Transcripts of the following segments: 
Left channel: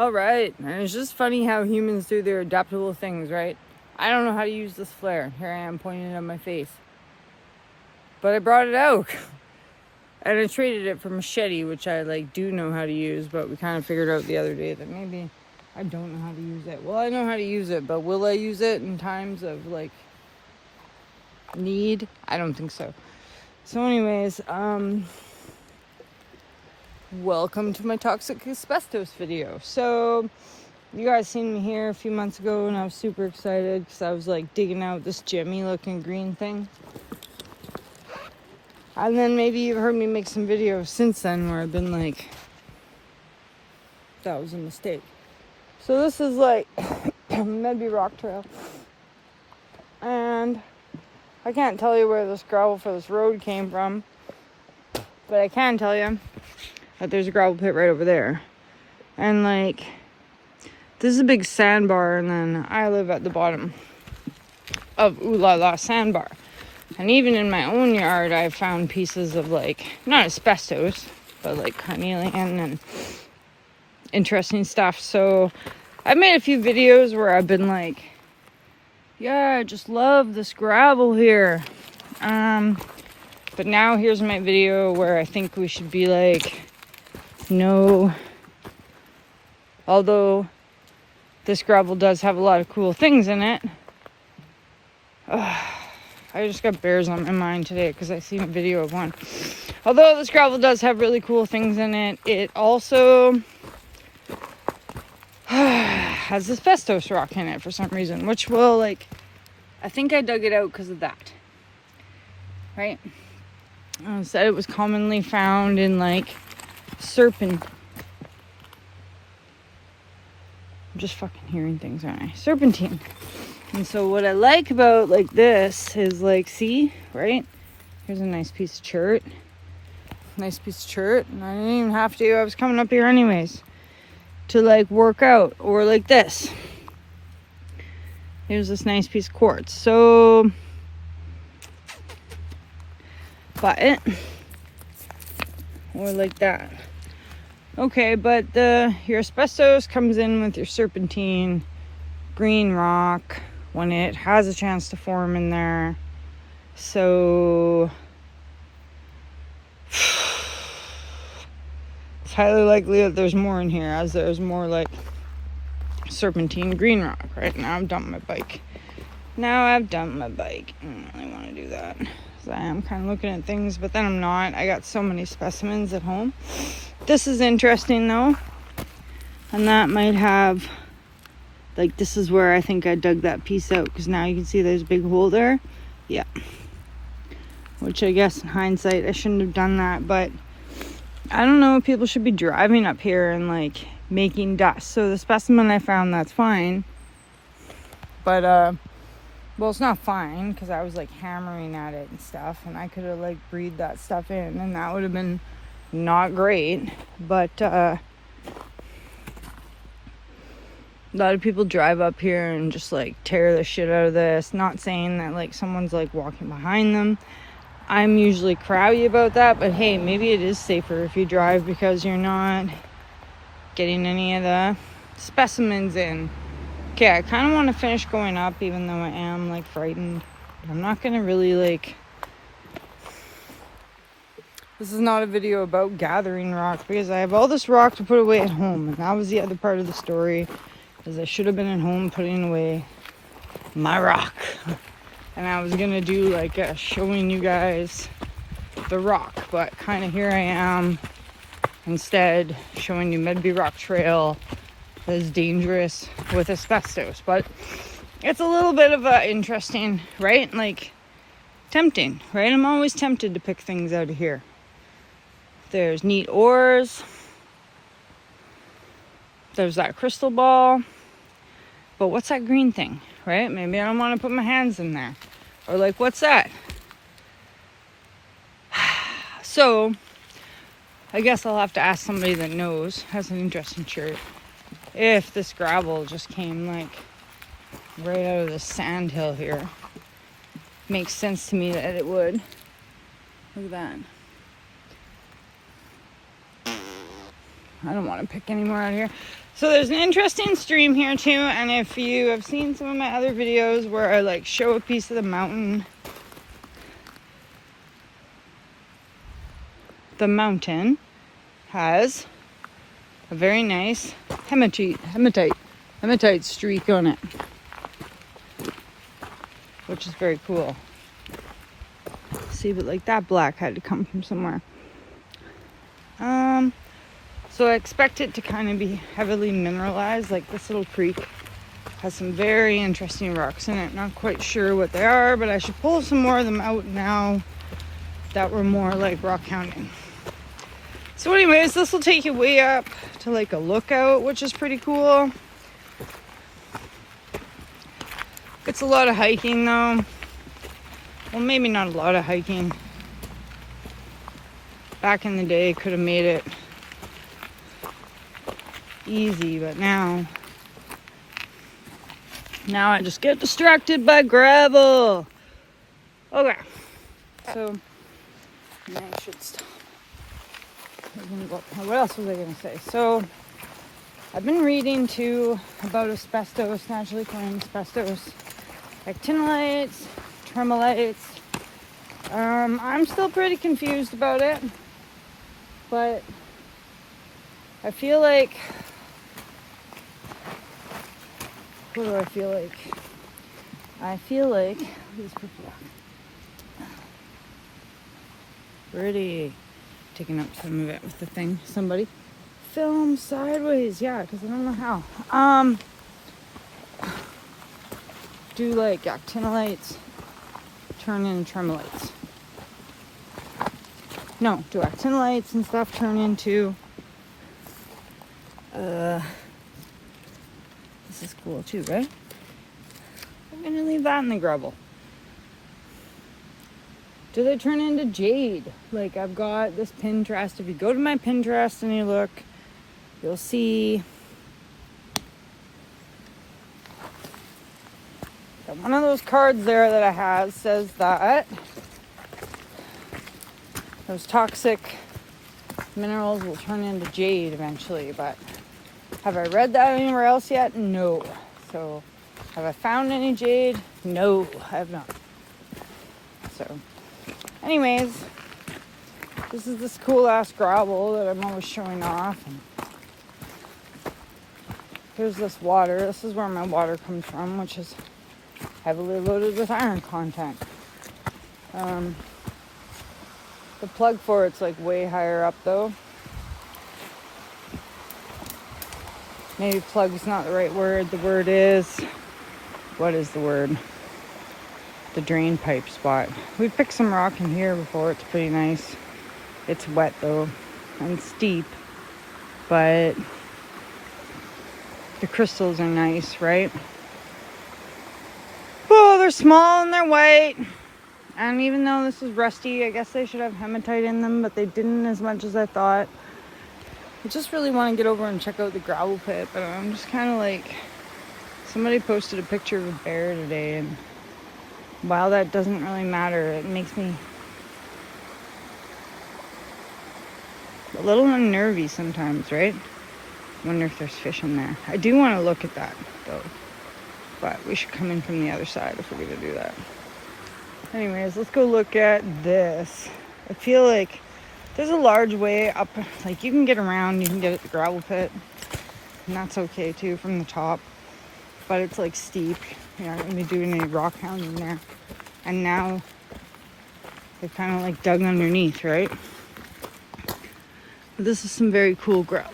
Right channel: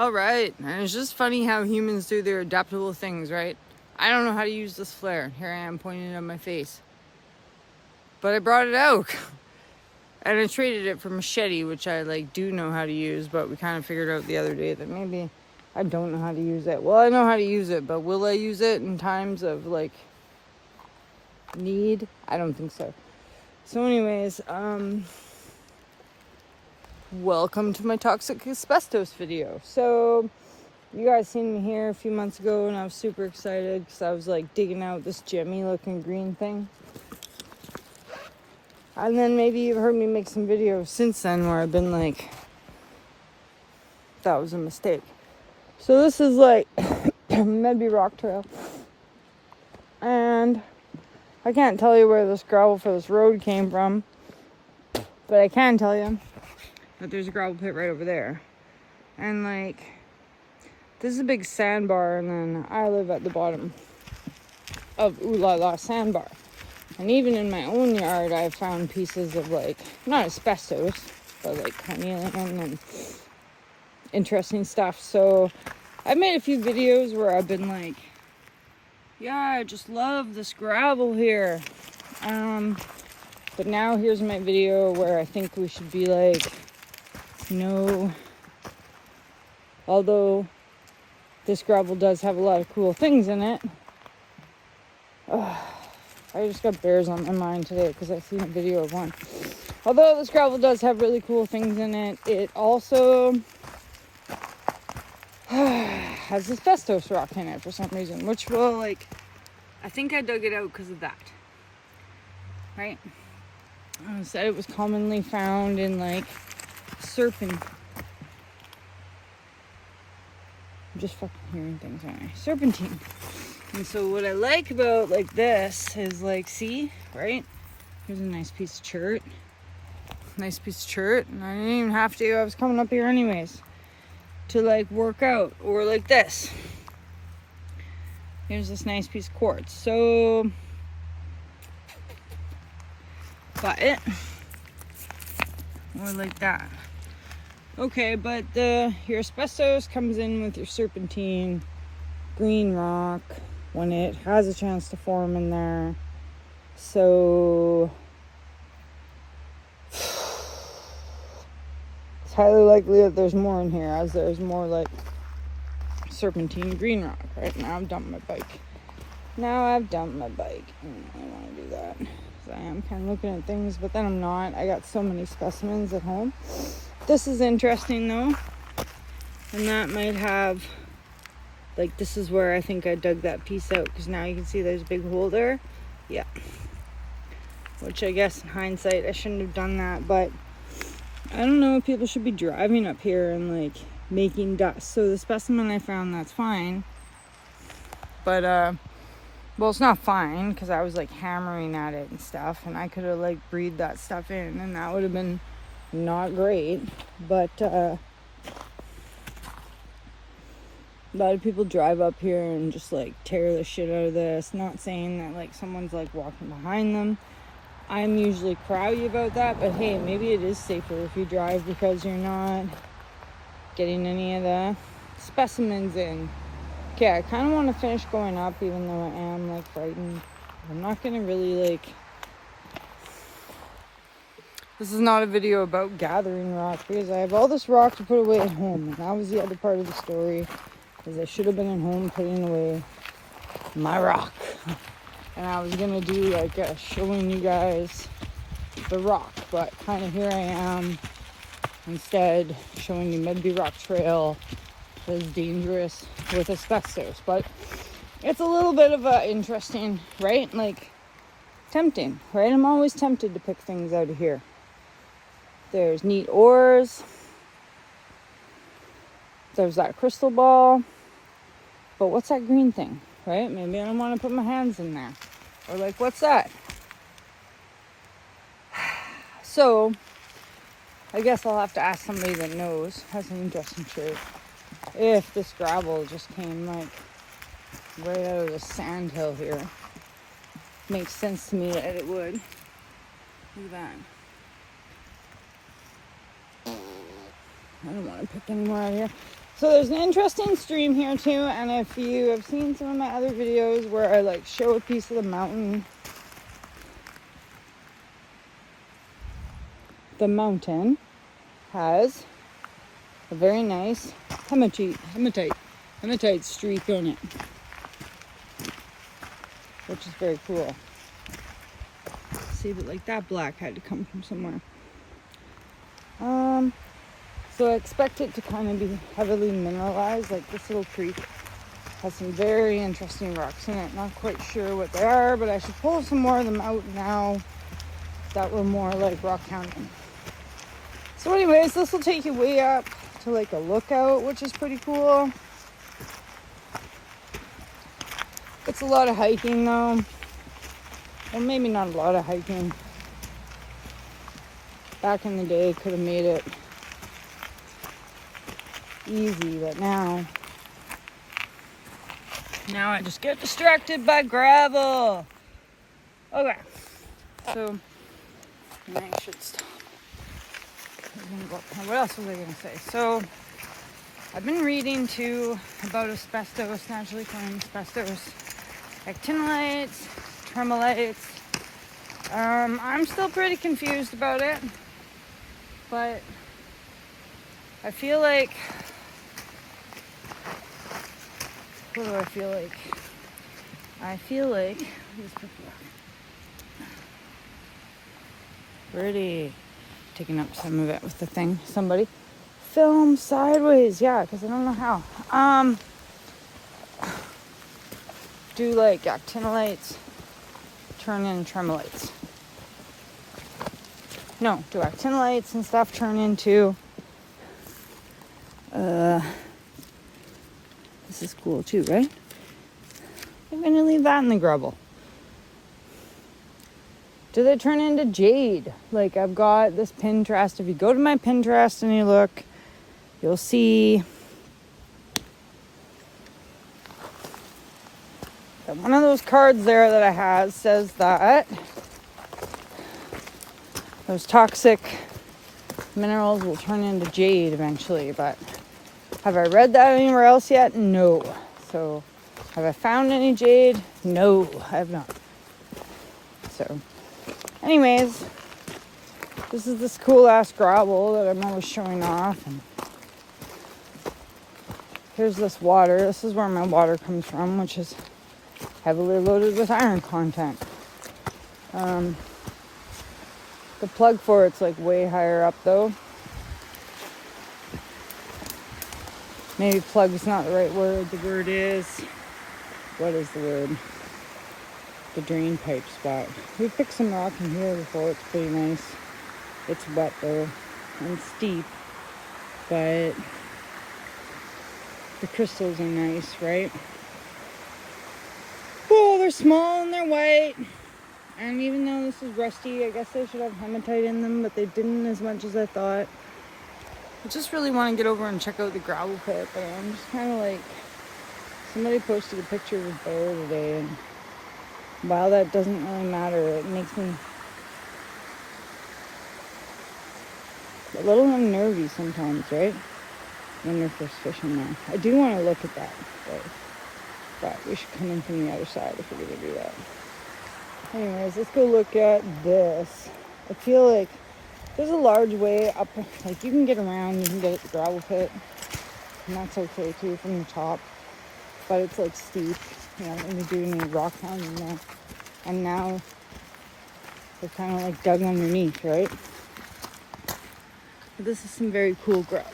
All right, and it's just funny how humans do their adaptable things, right? I don't know how to use this flare. Here I am pointing it at my face. But I brought it out. And I traded it for machete, which I do know how to use, but we kind of figured out the other day that maybe I don't know how to use it. Well, I know how to use it, but will I use it in times of need? I don't think so. So anyways, welcome to my toxic asbestos video. So you guys seen me here a few months ago and I was super excited because I was digging out this gemmy looking green thing. And then maybe you've heard me make some videos since then where I've been that was a mistake. So this is Medby rock trail. And I can't tell you where this gravel for this road came from, but I can tell you that there's a gravel pit right over there. And this is a big sandbar, and then I live at the bottom of Ooh La La sandbar. And even in my own yard, I've found pieces of not asbestos, but carnelian and interesting stuff. So I've made a few videos where I've been yeah, I just love this gravel here. But now here's my video where I think we should be no, although this gravel does have a lot of cool things in it. I just got bears on my mind today because I seen a video of one. Although this gravel does have really cool things in it, it also has asbestos rock in it for some reason, which will I think I dug it out because of that. Right? I said it was commonly found in Serpentine. I'm just fucking hearing things, aren't I? Serpentine. And so what I like about this is see, right? Here's a nice piece of chert. Nice piece of chert. And I didn't even have to. I was coming up here anyways to work out. Or this. Here's this nice piece of quartz. So buy it. Or that. Okay, but your asbestos comes in with your serpentine green rock when it has a chance to form in there. So it's highly likely that there's more in here, as there's more serpentine green rock. Right now I've dumped my bike. I don't really want to do that. So I am kind of looking at things, but then I'm not. I got so many specimens at home. This is interesting though. And that might have this is where I think I dug that piece out, because now you can see there's a big hole there. Yeah. Which I guess in hindsight I shouldn't have done that, but I don't know if people should be driving up here and making dust. So the specimen I found, that's fine. But well, it's not fine because I was hammering at it and stuff, and I could have breathed that stuff in and that would have been not great. But a lot of people drive up here and just tear the shit out of this. Not saying that someone's walking behind them. I'm usually crabby about that, but hey, maybe it is safer if you drive because you're not getting any of the specimens in. Okay, I kind of want to finish going up even though I am frightened. I'm not gonna really this is not a video about gathering rock because I have all this rock to put away at home, and that was the other part of the story. Because I should have been at home putting away my rock. And I was gonna do showing you guys the rock, but kind of here I am instead showing you Medby rock trail that is dangerous with asbestos. But it's a little bit of a interesting, right? Tempting, right? I'm always tempted to pick things out of here. There's neat ores. There's that crystal ball. But what's that green thing, right? Maybe I don't want to put my hands in there. Or what's that? So, I guess I'll have to ask somebody that knows. Has an interesting shirt. If this gravel just came right out of the sand hill here. Makes sense to me that it would. Look at that. I don't want to pick any more out here. So there's an interesting stream here too, and if you have seen some of my other videos where I like show a piece of the mountain has a very nice hematite streak on it, which is very cool. See, but like that black had to come from somewhere. So I expect it to kind of be heavily mineralized. Like this little creek has some very interesting rocks in it. Not quite sure what they are, but I should pull some more of them out now that we're more like rock counting. So anyways, this will take you way up to like a lookout, which is pretty cool. It's a lot of hiking though. Well, maybe not a lot of hiking. Back in the day, could have made it easy, but now I just get distracted by gravel. Okay, so I should stop. We're gonna go up. What else was I gonna say? So I've been reading too about asbestos, naturally occurring asbestos, actinolites, tremolites. I'm still pretty confused about it, but I feel like, what do I feel like? I feel like these people pretty taking up some of it with the thing. Somebody film sideways, yeah, because I don't know how. Do like actinolites turn into tremolites? No, do actinolites and stuff turn into this is cool too, right? I'm gonna leave that in the gravel. Do they turn into jade? Like I've got this Pinterest. If you go to my Pinterest and you look, you'll see one of those cards there that I have says that those toxic minerals will turn into jade eventually, but have I read that anywhere else yet? No. So have I found any jade? No, I have not. So anyways, this is this cool ass gravel that I'm always showing off. And here's this water. This is where my water comes from, which is heavily loaded with iron content. The plug for it's like way higher up though. Maybe plug's not the right word. The word is, what is the word? The drain pipe spot. We picked some rock in here before. It's pretty nice. It's wet though and steep, but the crystals are nice, right? Oh, they're small and they're white. And even though this is rusty, I guess they should have hematite in them, but they didn't as much as I thought. I just really want to get over and check out the gravel pit, but I'm just kind of like, somebody posted a picture of a bear today, and while that doesn't really matter, it makes me a little unnervy sometimes, right? I wonder if there's fish in there. I do want to look at that, though. But we should come in from the other side if we're going to do that. Anyways, let's go look at this. I feel like there's a large way up, like you can get around, you can get at the gravel pit, and that's okay too from the top. But it's like steep. You're not going to be doing any rock hounding there. And now they're kind of like dug underneath, right? But this is some very cool gravel.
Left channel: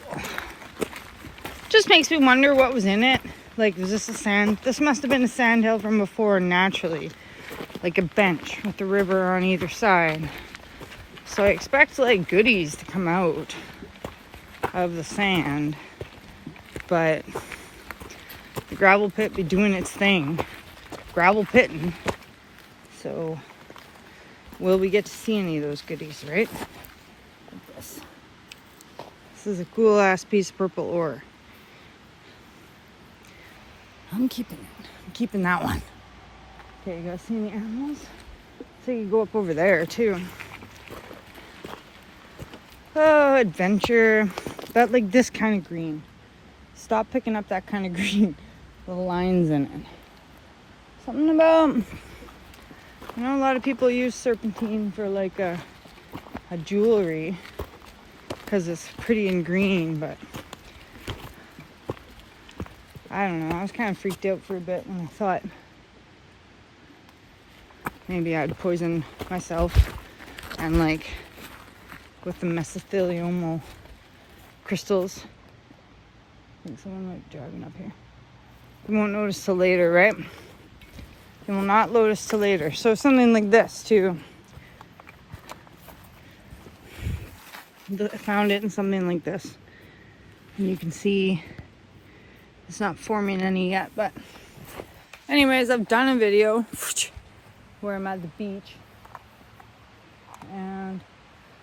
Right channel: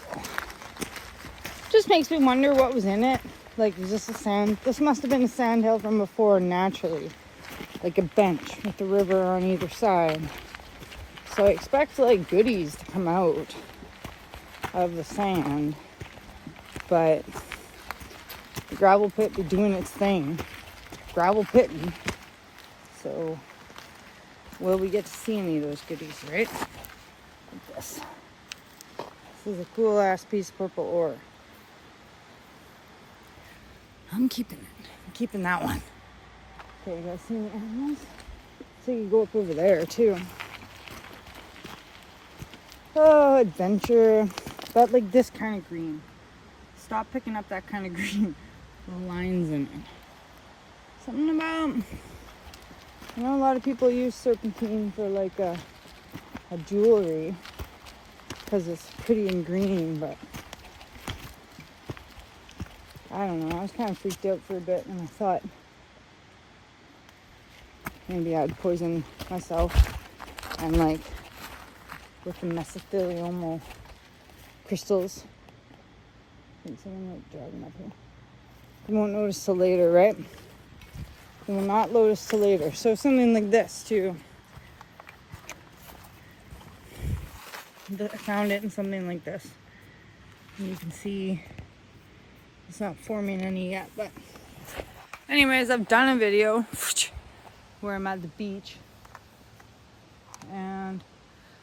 Just makes me wonder what was in it. Like, was this a sand? This must have been a sand hill from before naturally. Like a bench with the river on either side. So I expect like goodies to come out of the sand. But the gravel pit be doing its thing. Gravel pitting. So will we get to see any of those goodies, right? Like this. This is a cool ass piece of purple ore. I'm keeping it. I'm keeping that one. Okay, you guys see any animals? So you can go up over there too. adventure, but like this kind of green. Stop picking up that kind of green with lines in it. Something about, you know, a lot of people use serpentine for like a jewelry because it's pretty and green, but I don't know. I was kind of freaked out for a bit and I thought maybe I'd poison myself and like with the mesothelioma crystals. There's someone like driving up here. You won't notice till later, right? You will not notice till later. So something like this too. I found it in something like this. And you can see it's not forming any yet, but anyways, I've done a video where I'm at the beach and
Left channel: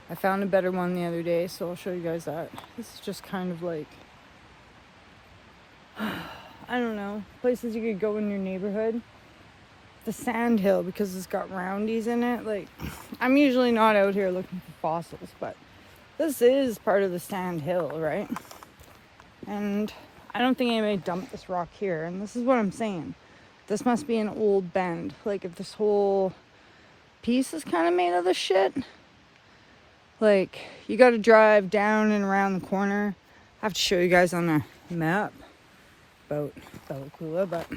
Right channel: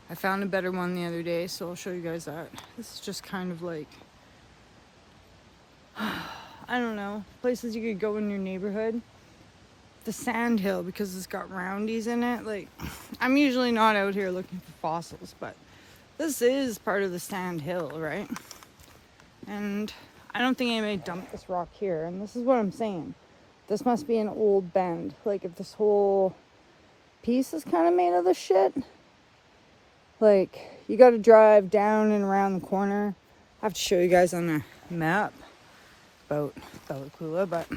I found a better one the other day, so I'll show you guys that. This is just kind of like, I don't know, places you could go in your neighborhood. The sand hill, because it's got roundies in it. Like, I'm usually not out here looking for fossils, but this is part of the sand hill, right? And I don't think anybody dumped this rock here, and this is what I'm saying. This must be an old bend. Like, if this whole piece is kind of made of this shit, like, you got to drive down and around the corner. I have to show you guys on the map about Belacula, but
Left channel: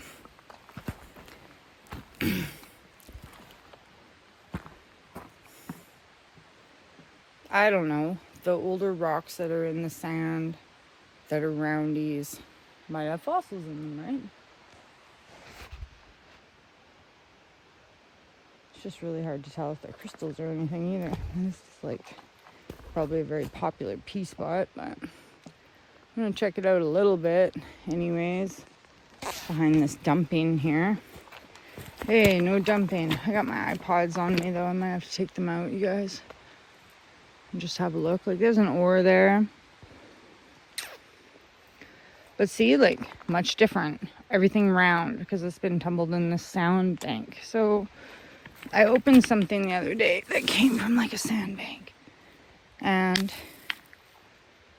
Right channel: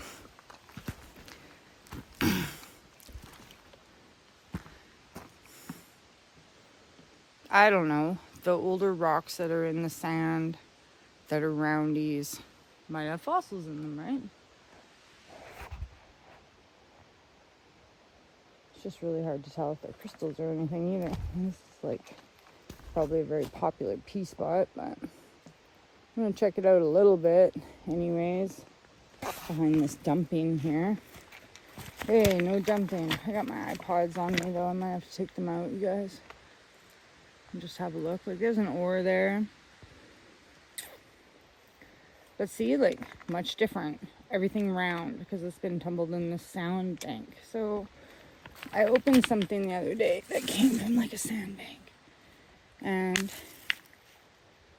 I don't know. The older rocks that are in the sand that are roundies might have fossils in them, right? It's just really hard to tell if they're crystals or anything either. This is like probably a very popular pea spot, but I'm gonna check it out a little bit anyways. Behind this dumping here. Hey, no dumping. I got my iPods on me though. I might have to take them out, you guys. And just have a look. Like, there's an ore there. But see, like, much different. Everything round because it's been tumbled in the sand bank. So I opened something the other day that came from like a sandbank. And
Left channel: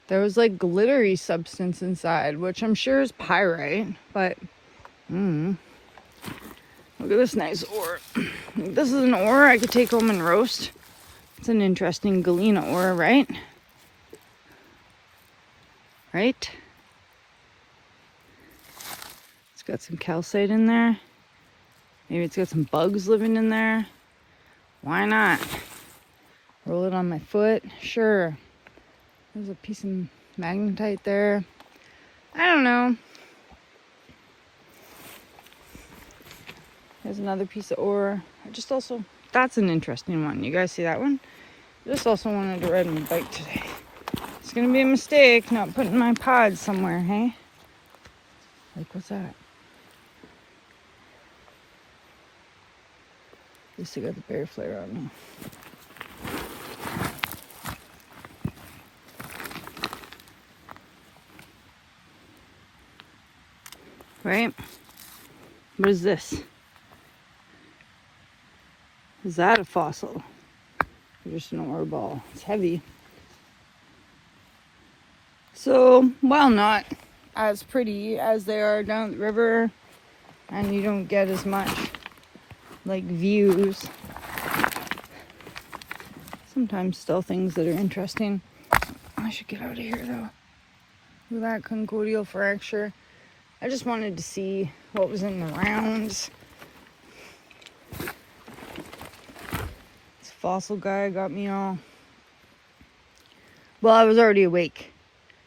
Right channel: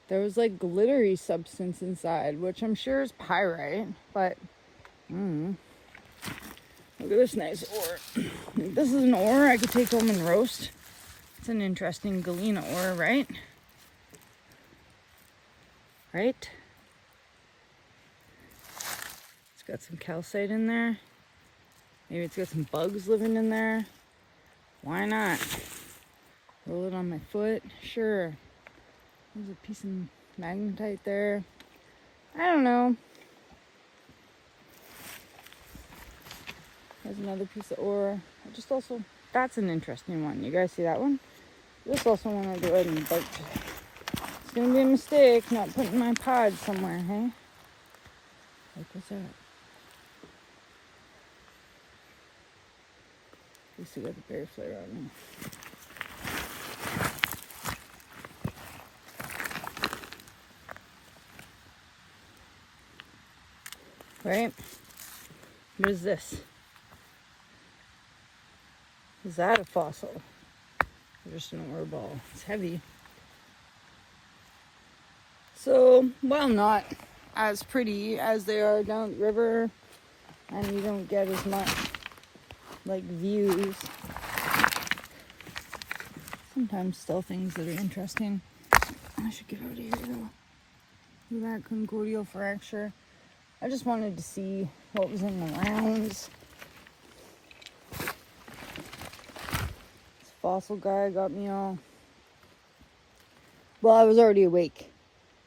there was like glittery substance inside, which I'm sure is pyrite. But, look at this nice ore. This is an ore I could take home and roast. It's an interesting galena ore, right? Right? It's got some calcite in there. Maybe it's got some bugs living in there. Why not? Roll it on my foot. Sure. There's a piece of magnetite there. I don't know. There's another piece of ore. That's an interesting one. You guys see that one? I just also wanted to ride my bike today. It's gonna be a mistake not putting my pods somewhere, hey? Like, what's that? At least I got the bear flare on me. Right? What is this? Is that a fossil? Or just an ore ball? It's heavy. So, while not as pretty as they are down the river, and you don't get as much like views, sometimes still things that are interesting. I should get out of here though. Look at that conchoidal fracture. I just wanted to see what was in the rounds. This fossil guy got me all... Well, I was already awake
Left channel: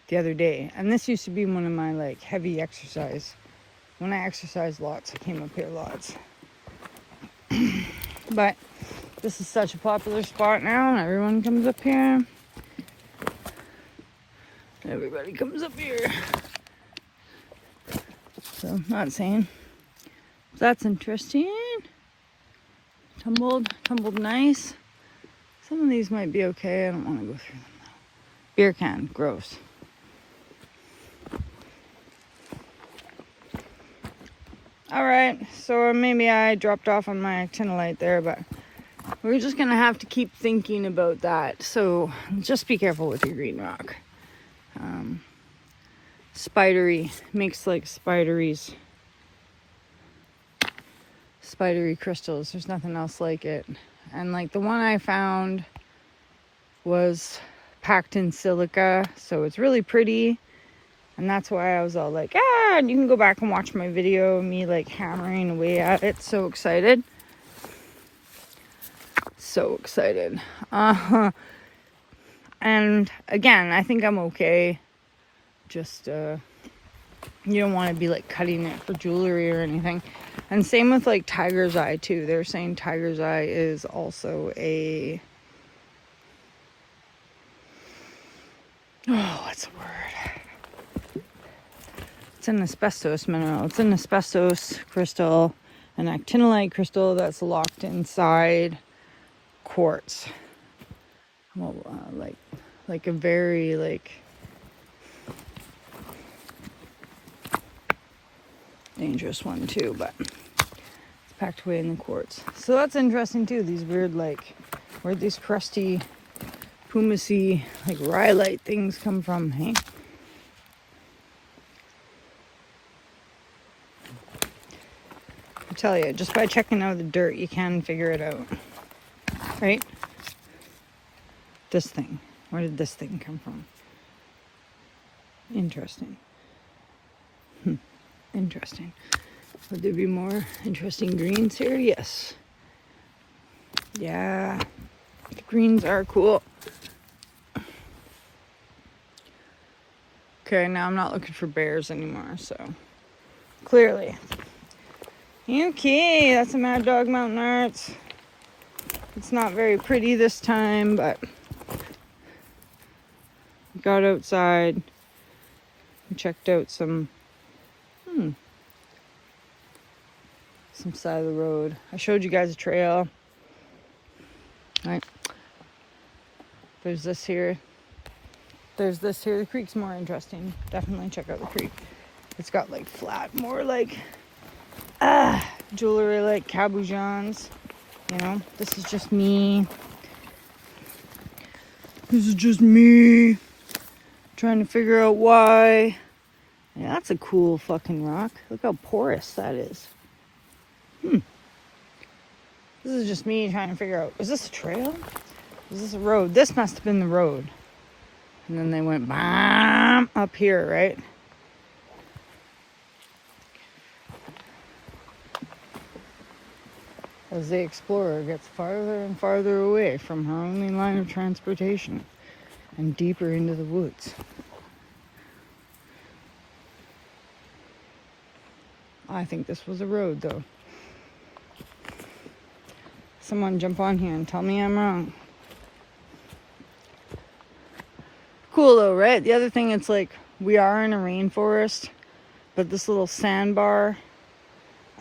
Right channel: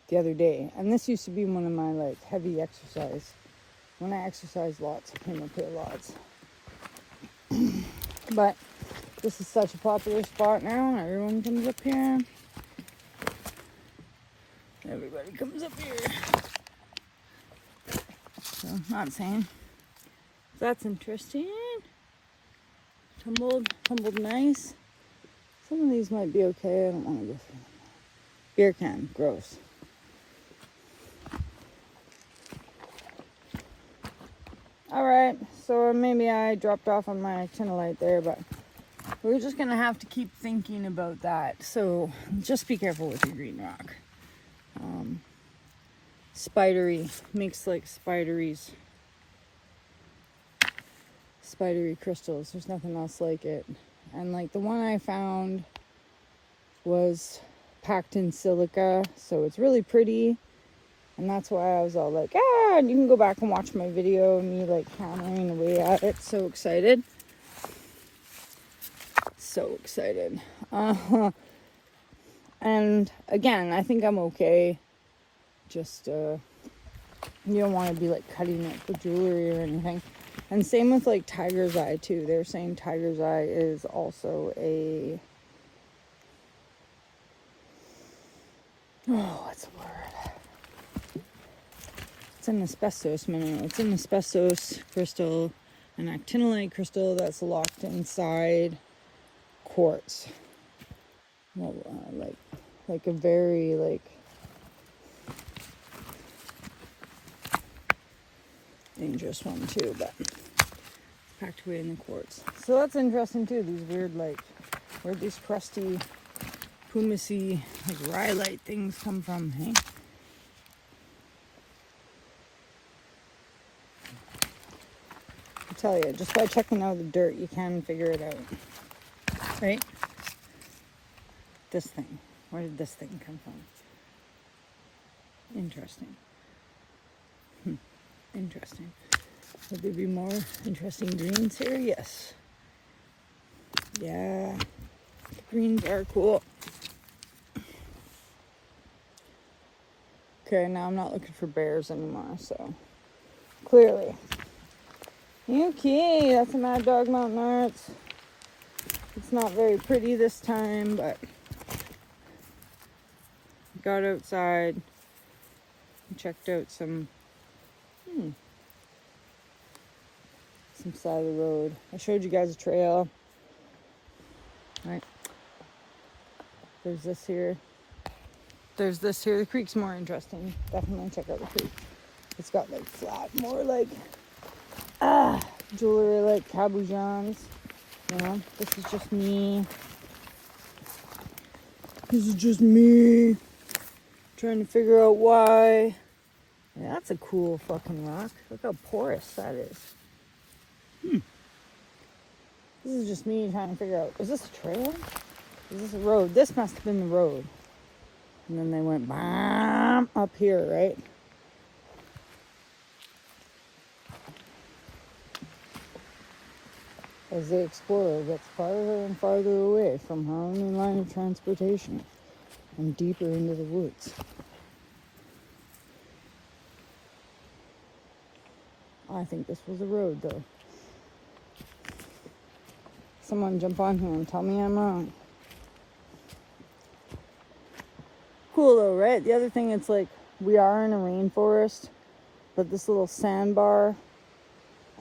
the other day, and this used to be one of my like heavy exercise. When I exercise lots, I came up here lots. But this is such a popular spot now, and everyone comes up here. Everybody comes up here. So, not saying. That's interesting. Tumbled nice. Some of these might be okay. I don't want to go through them. Beer can, gross. Alright, so maybe I dropped off on my actinolite there, but we're just gonna have to keep thinking about that. So just be careful with your green rock. Spidery, makes like spidery crystals. There's nothing else like it. And like the one I found was packed in silica, so it's really pretty. And that's why I was all like, ah, you can go back and watch my video of me like hammering away at it. So excited. So excited. And again, I think I'm okay. Just, you don't want to be like cutting it for jewelry or anything. And same with like tiger's eye too. They're saying tiger's eye is also a, what's the word? It's an asbestos mineral. It's an asbestos crystal, an actinolite crystal that's locked inside quartz. Well, like a very like dangerous one too, but it's packed away in the quartz. So that's interesting too. These weird like, where'd these crusty pumice like rhyolite things come from, hey? I tell you, just by checking out the dirt, you can figure it out, right? This thing, where did this thing come from? Interesting. Interesting. Would there be more interesting greens here? Yes. Yeah, the greens are cool. Okay, now I'm not looking for bears anymore, so clearly. Okay, that's a Mad Dog Mountain Arts. It's not very pretty this time, but got outside and checked out some side of the road. I showed you guys a trail. Right. There's this here. There's this here. The creek's more interesting. Definitely check out the creek. It's got like flat, more like jewelry, like cabochons. You know, this is just me. This is just me trying to figure out why. Yeah, that's a cool fucking rock. Look how porous that is. This is just me trying to figure out, is this a trail? Is this a road? This must have been the road. And then they went bam up here, right? As the explorer gets farther and farther away from her only line of transportation and deeper into the woods. I think this was a road, though. Someone jump on here and tell me I'm wrong. Cool though, right? The other thing, it's like we are in a rainforest, but this little sandbar,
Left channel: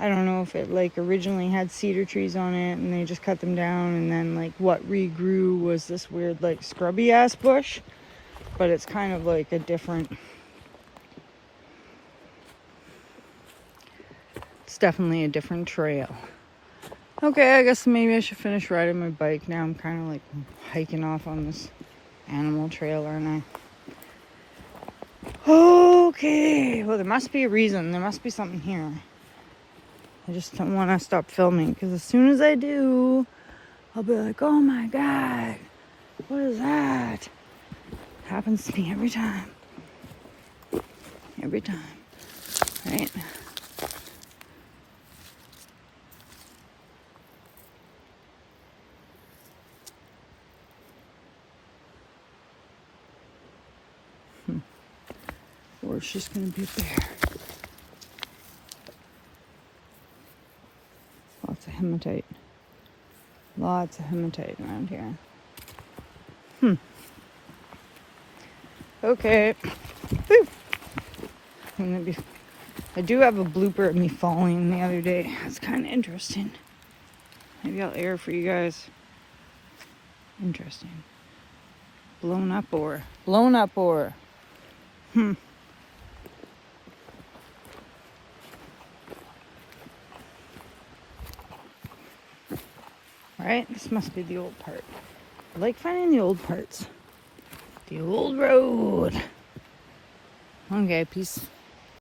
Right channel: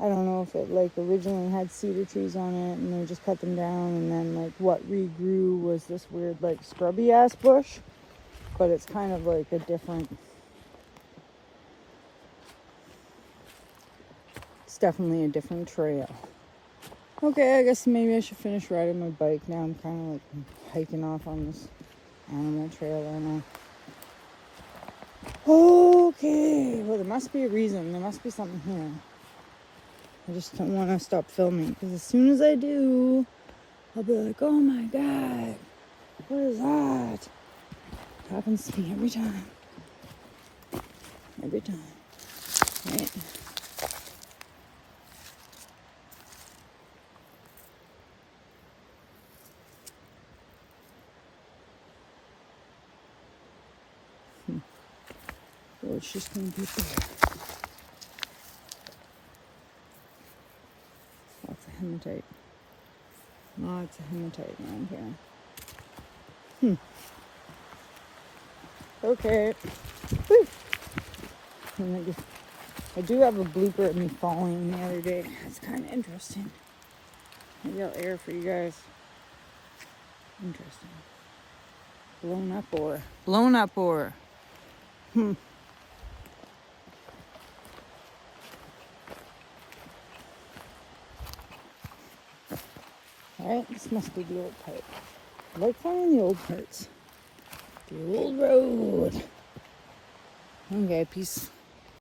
I don't know if it like originally had cedar trees on it and they just cut them down, and then like what regrew was this weird like scrubby ass bush, but it's kind of like a different, it's definitely a different trail. Okay, I guess maybe I should finish riding my bike. Now I'm kind of like hiking off on this animal trail, aren't I? Okay, well there must be a reason. There must be something here. I just don't want to stop filming, because as soon as I do, I'll be like, oh my god, what is that? It happens to me every time. Every time. Right? Or it's just going to be there. Lots of hematite. Lots of hematite around here. Okay. Woo. I do have a blooper of me falling the other day. It's kind of interesting. Maybe I'll air for you guys. Interesting. Blown up ore. Blown up ore. right? This must be the old part. I like finding the old parts. The old road. Okay, peace.